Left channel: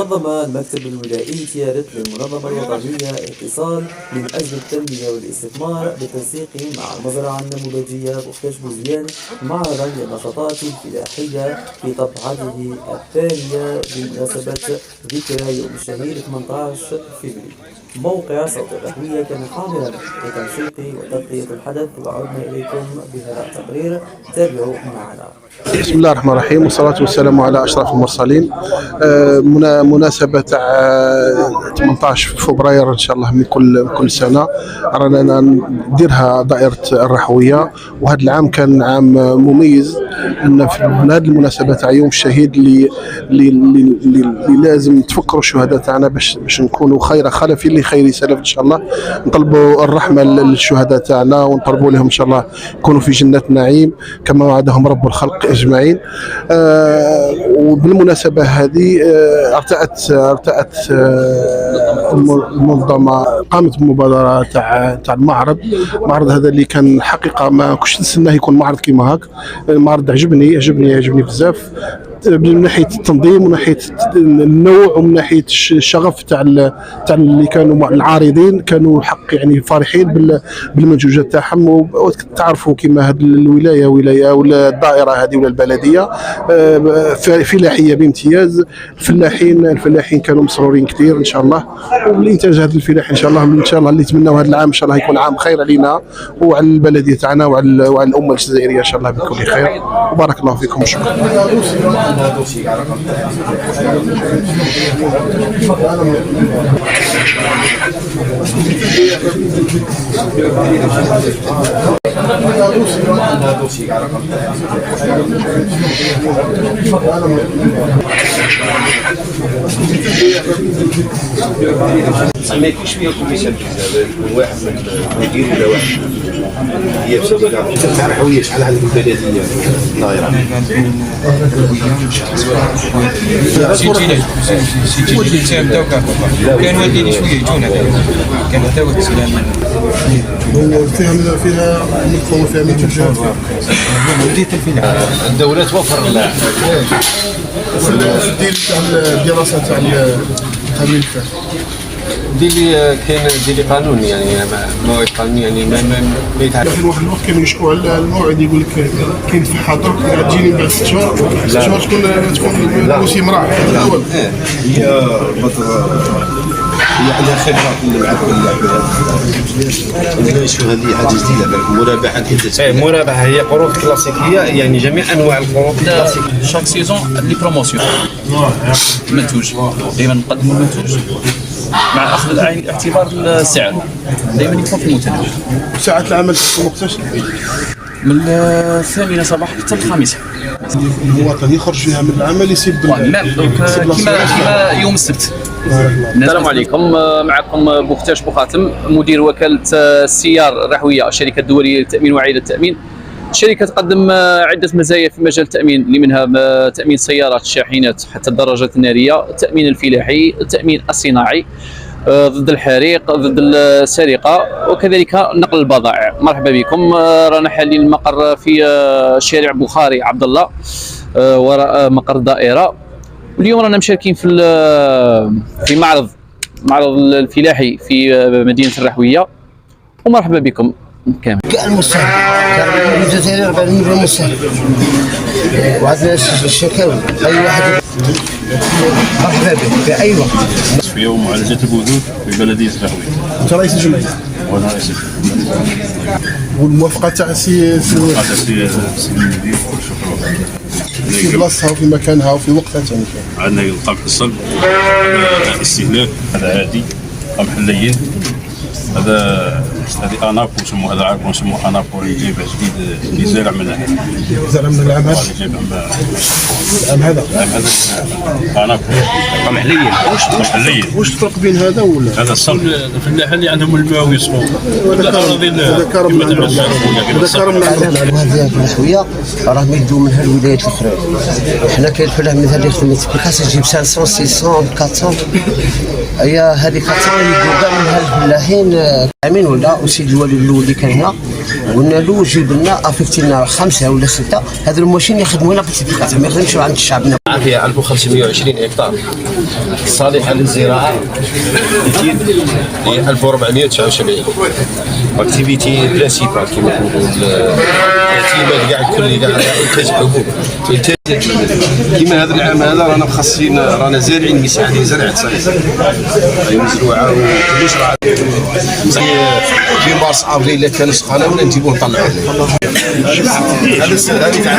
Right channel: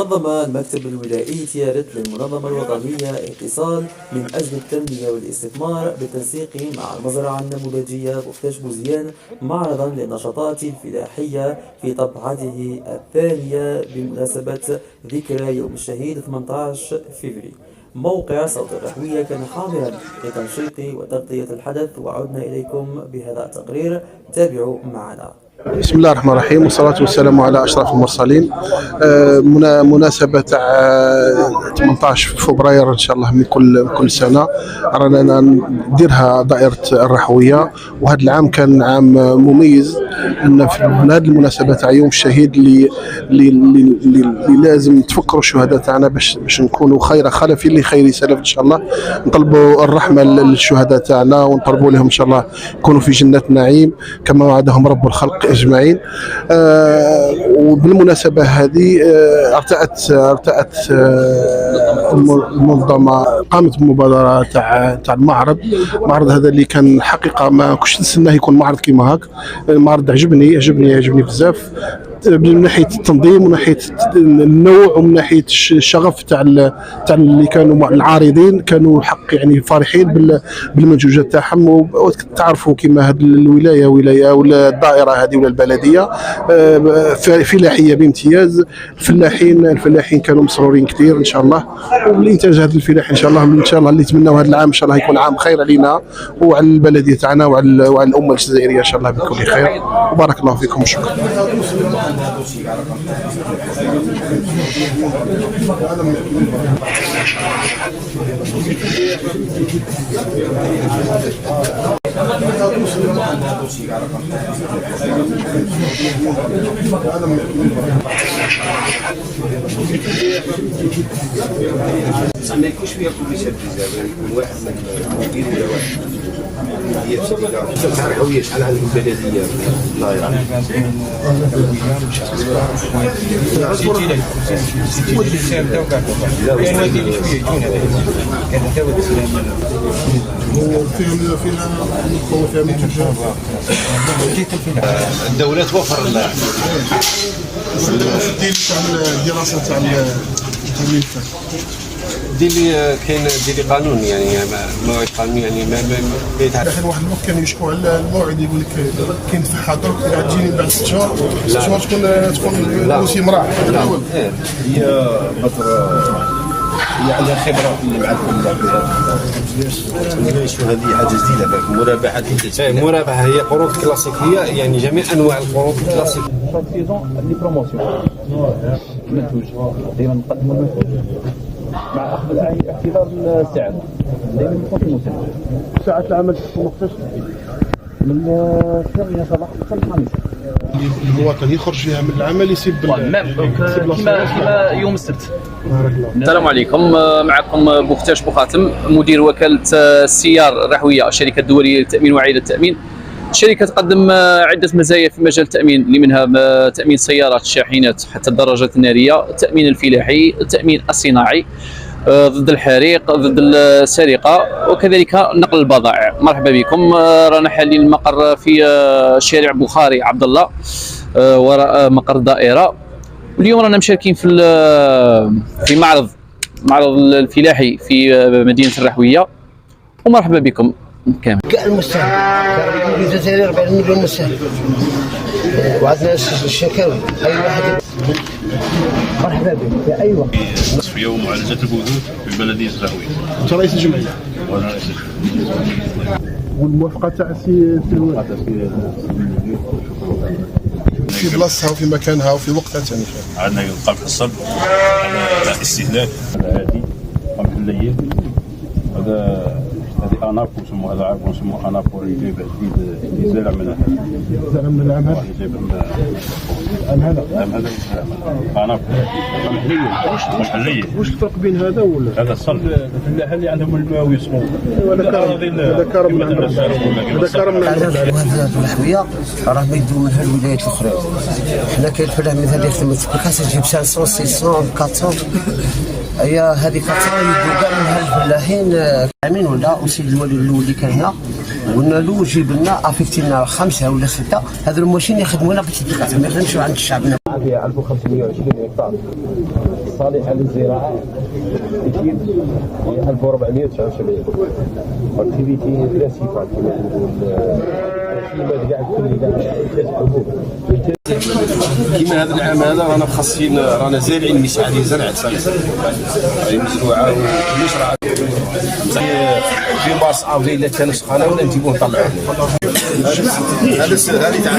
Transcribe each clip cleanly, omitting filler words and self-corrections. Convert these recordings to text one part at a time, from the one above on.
نظم المكتب الولائي تيارت للمنظمة الوطنية اتصال من أجل التنمية والاستثمار بالتنسيق مع المزرعة النموذجية بوختاش بوزيان معرضا للنشاطات الفلاحية في طبعته الثانية بمناسبة ذكرى يوم الشهيد 18 فبراير. موقع صوت الرحوية كان حاضرا لتنشيط وتغطية الحدث، وعدنا إليكم بهذا التقرير، تابعوا معنا. بسم الله الرحمن الرحيم، والصلاة والسلام على أشرف المرسلين. مناسبة 18 فبراير إن شاء الله من كل سنة رانا نديرها دائرة الرحوية، وهذا العام كان عام مميز أن في هذه المناسبة تاع يوم الشهيد اللي لازم تفكروا الشهداء تاعنا باش نكونوا خير خلف لخير سلف إن شاء الله. نطلبوا الرحمة للشهداء تاعنا ونطلبوا لهم إن شاء الله يكونوا في جنة نعيم كما وعدهم رب الخلق أجمعين. وبالمناسبة هذه ارتأت المنظمة، قامت بمبادرة تاع المعرض هذا اللي كان حقيقة ما كنتش نستناه يكون معرض كيما هاك. المعرض عجبني بزاف من ناحيه التنظيم ومن ناحيه النوع ومن ناحيه الشغف تاع اللي كانوا العارضين، كانوا حق يعني فرحين بالمنتوجات تاعهم. وتعرفوا كما هذه الولايه ولا الدائره هذه ولا البلديه فلاحيه بامتياز. الفلاحين كانوا مسرورين كثير ان شاء الله، والانتاج هذا الفلاحي ان شاء الله اللي نتمناو هذا العام ان شاء الله يكون عام خير علينا وعلى البلديه تاعنا وعلى الامه الجزائريه ان شاء الله بكل خير. وبارك الله فيكم وشكرا. ما يكونش فيها كوميسيون زعما يكون واحد من المدير ولا واحد هي بصديقه تاع الرحويه. شحال عندكم بلديه الدائره؟ سيتي نتاعو كاين والدين شويه يجونا كاين حتى وقت فيها مدخل فيها منتوجات بديت الفلاحه. الدوله توفر لنا الدراسه تاع القانون الفلاح كاين ديري قانون يعني موعد قانوني يعني ما يتعرف. لكن واحد الوقت كانوا يشكوا على الموعد، يقول لك كاين فحاطه تجيني بعد 6 شهور، 6 شهور تكون الموسم راح. هي بدر هي عندها خبره مع الفلاح. هذه حاجه جديده المرابحه كيف المرابحه هي قروض كلاسيكيه، يعني جميع انواع القروض الكلاسيكيه. شاك سيزون لي بروموسيون منتوج، دائما نقدموا المنتوج مع اخذ بعين الاعتبار السعر، دائما يكون في المنتج. ساعات العمل تكون وقتاش؟ من 8 صباحا حتى 5. المواطن يخرج فيها من العمل يسيب كما يوم السبت. السلام عليكم، معكم بوختاش بوخاتم، مدير وكالة السيار الرحوية، الشركة الدولية للتأمين وعائلة التأمين. الشركة تقدم عدة مزايا في مجال التأمين، اللي منها تأمين سيارات الشاحنات حتى الدراجات النارية، التأمين الفلاحي، التأمين الصناعي ضد الحريق، ضد السرقة، وكذلك نقل البضائع. مرحبا بكم. رانا حاليا المقر في شارع بخاري عبد الله وراء مقر الدائرة. واليوم رانا مشاركين في معرض الفلاحي في مدينة الرحوية، ومرحبا بكم كامل. كان مسهل، كان الجزائر 40 مليون مسهل، وعندنا الشكاوي اي واحد مرحبا به في اي وقت. في يوم معالجة البذور في بلدية الرحوية. انت رئيس الجمعية؟ وانا رئيس الجمعية. والموافقة تاع السي المدير في بلاصتها وفي مكانها وفي وقتها. عندنا القمح الصلب، هذا استهلاك، هذا عادي، قمح اللين، هذا انابو نسموه، هذا عارف نسموه انابو اللي جايبه جديد اللي زارع من العام هذا. اللي جايبه العام هذا انابو قمح لين. قمح اللين. واش الفرق بين هذا ولا هذا الصلب؟ الفلاحه اللي عندهم الماء ويصبوا. هذا كرم من عند رب العالمين. هذا كرم من عند رب العالمين. هذه الرحوية راه ما يدوا منها الولايات الاخرى. حنا كاين الفلاح مثلا اللي يخدم خاص يجيب 500 600 400. هي هذه 400 يدوا كاع منها الفلاحين. عامين ولا وسيد الوالي الاول اللي كان هنا، قلنا له جيب لنا افيكتي لنا 5 ولا 6 هذا الماشين يخدموا لنا بالتدقيقات ما يخدمش عند الشعب. فيها 1520 هكتار صالحه للزراعه، اكيد 1479 اكتيفيتي برينسيبال كما كنقول الاعتماد كاع الكلي كاع انتاج حبوب. كيما هذا العام هذا رانا مخصصين رانا زارعين مساعدين زرع سايس هاي مزروعه وكلش راه في مارس افريل كان سخانه ولا نجيبوه نطلعوه. هذا هذه تاع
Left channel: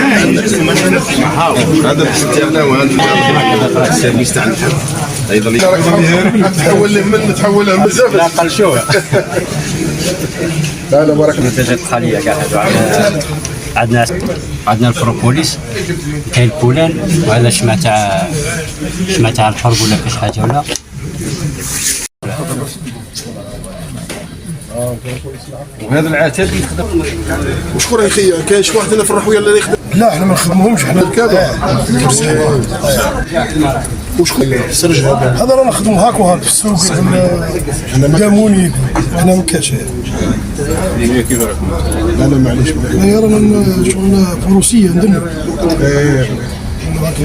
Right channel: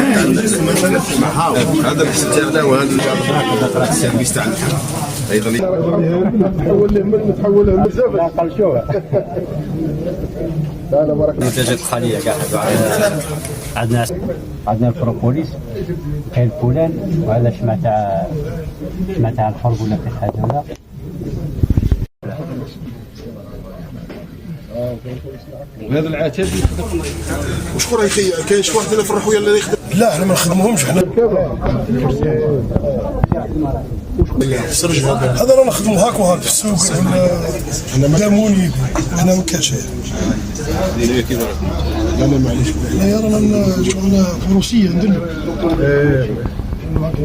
هذا تاعنا وهذا السيرفيس تاع الحب ايضا تحول له من تحول له بزاف لا قلشوه. لا بارك الله. المنتجات الخاليه كاع هذو عندنا البروبوليس، كاين البولان، وهذا شمع تاع الحرب ولا كاش حاجه ولا. وهذا العتاد يخدم. وشكون اخي كاين شي واحد هنا في الرحويه اللي يخدم؟ لا احنا ما نخدموهمش حنا كذا. وشكون سرج هذا رانا نخدمو هاك وهاك في السوق داموني وانا ما كاش. لا معليش لا رانا شغل فروسيه نديرو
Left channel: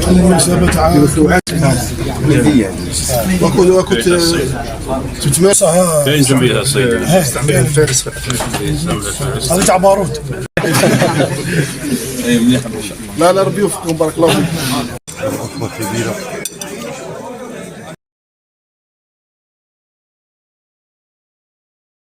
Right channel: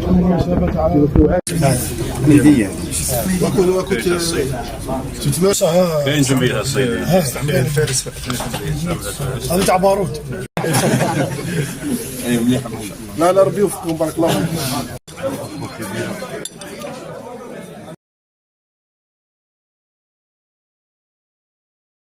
المناسبه تاع ميديه وكنت تتمارس كاين جنبيها الصيد فارس هذا تاع بارود. لا ربي يوفقكم بارك الله فيك.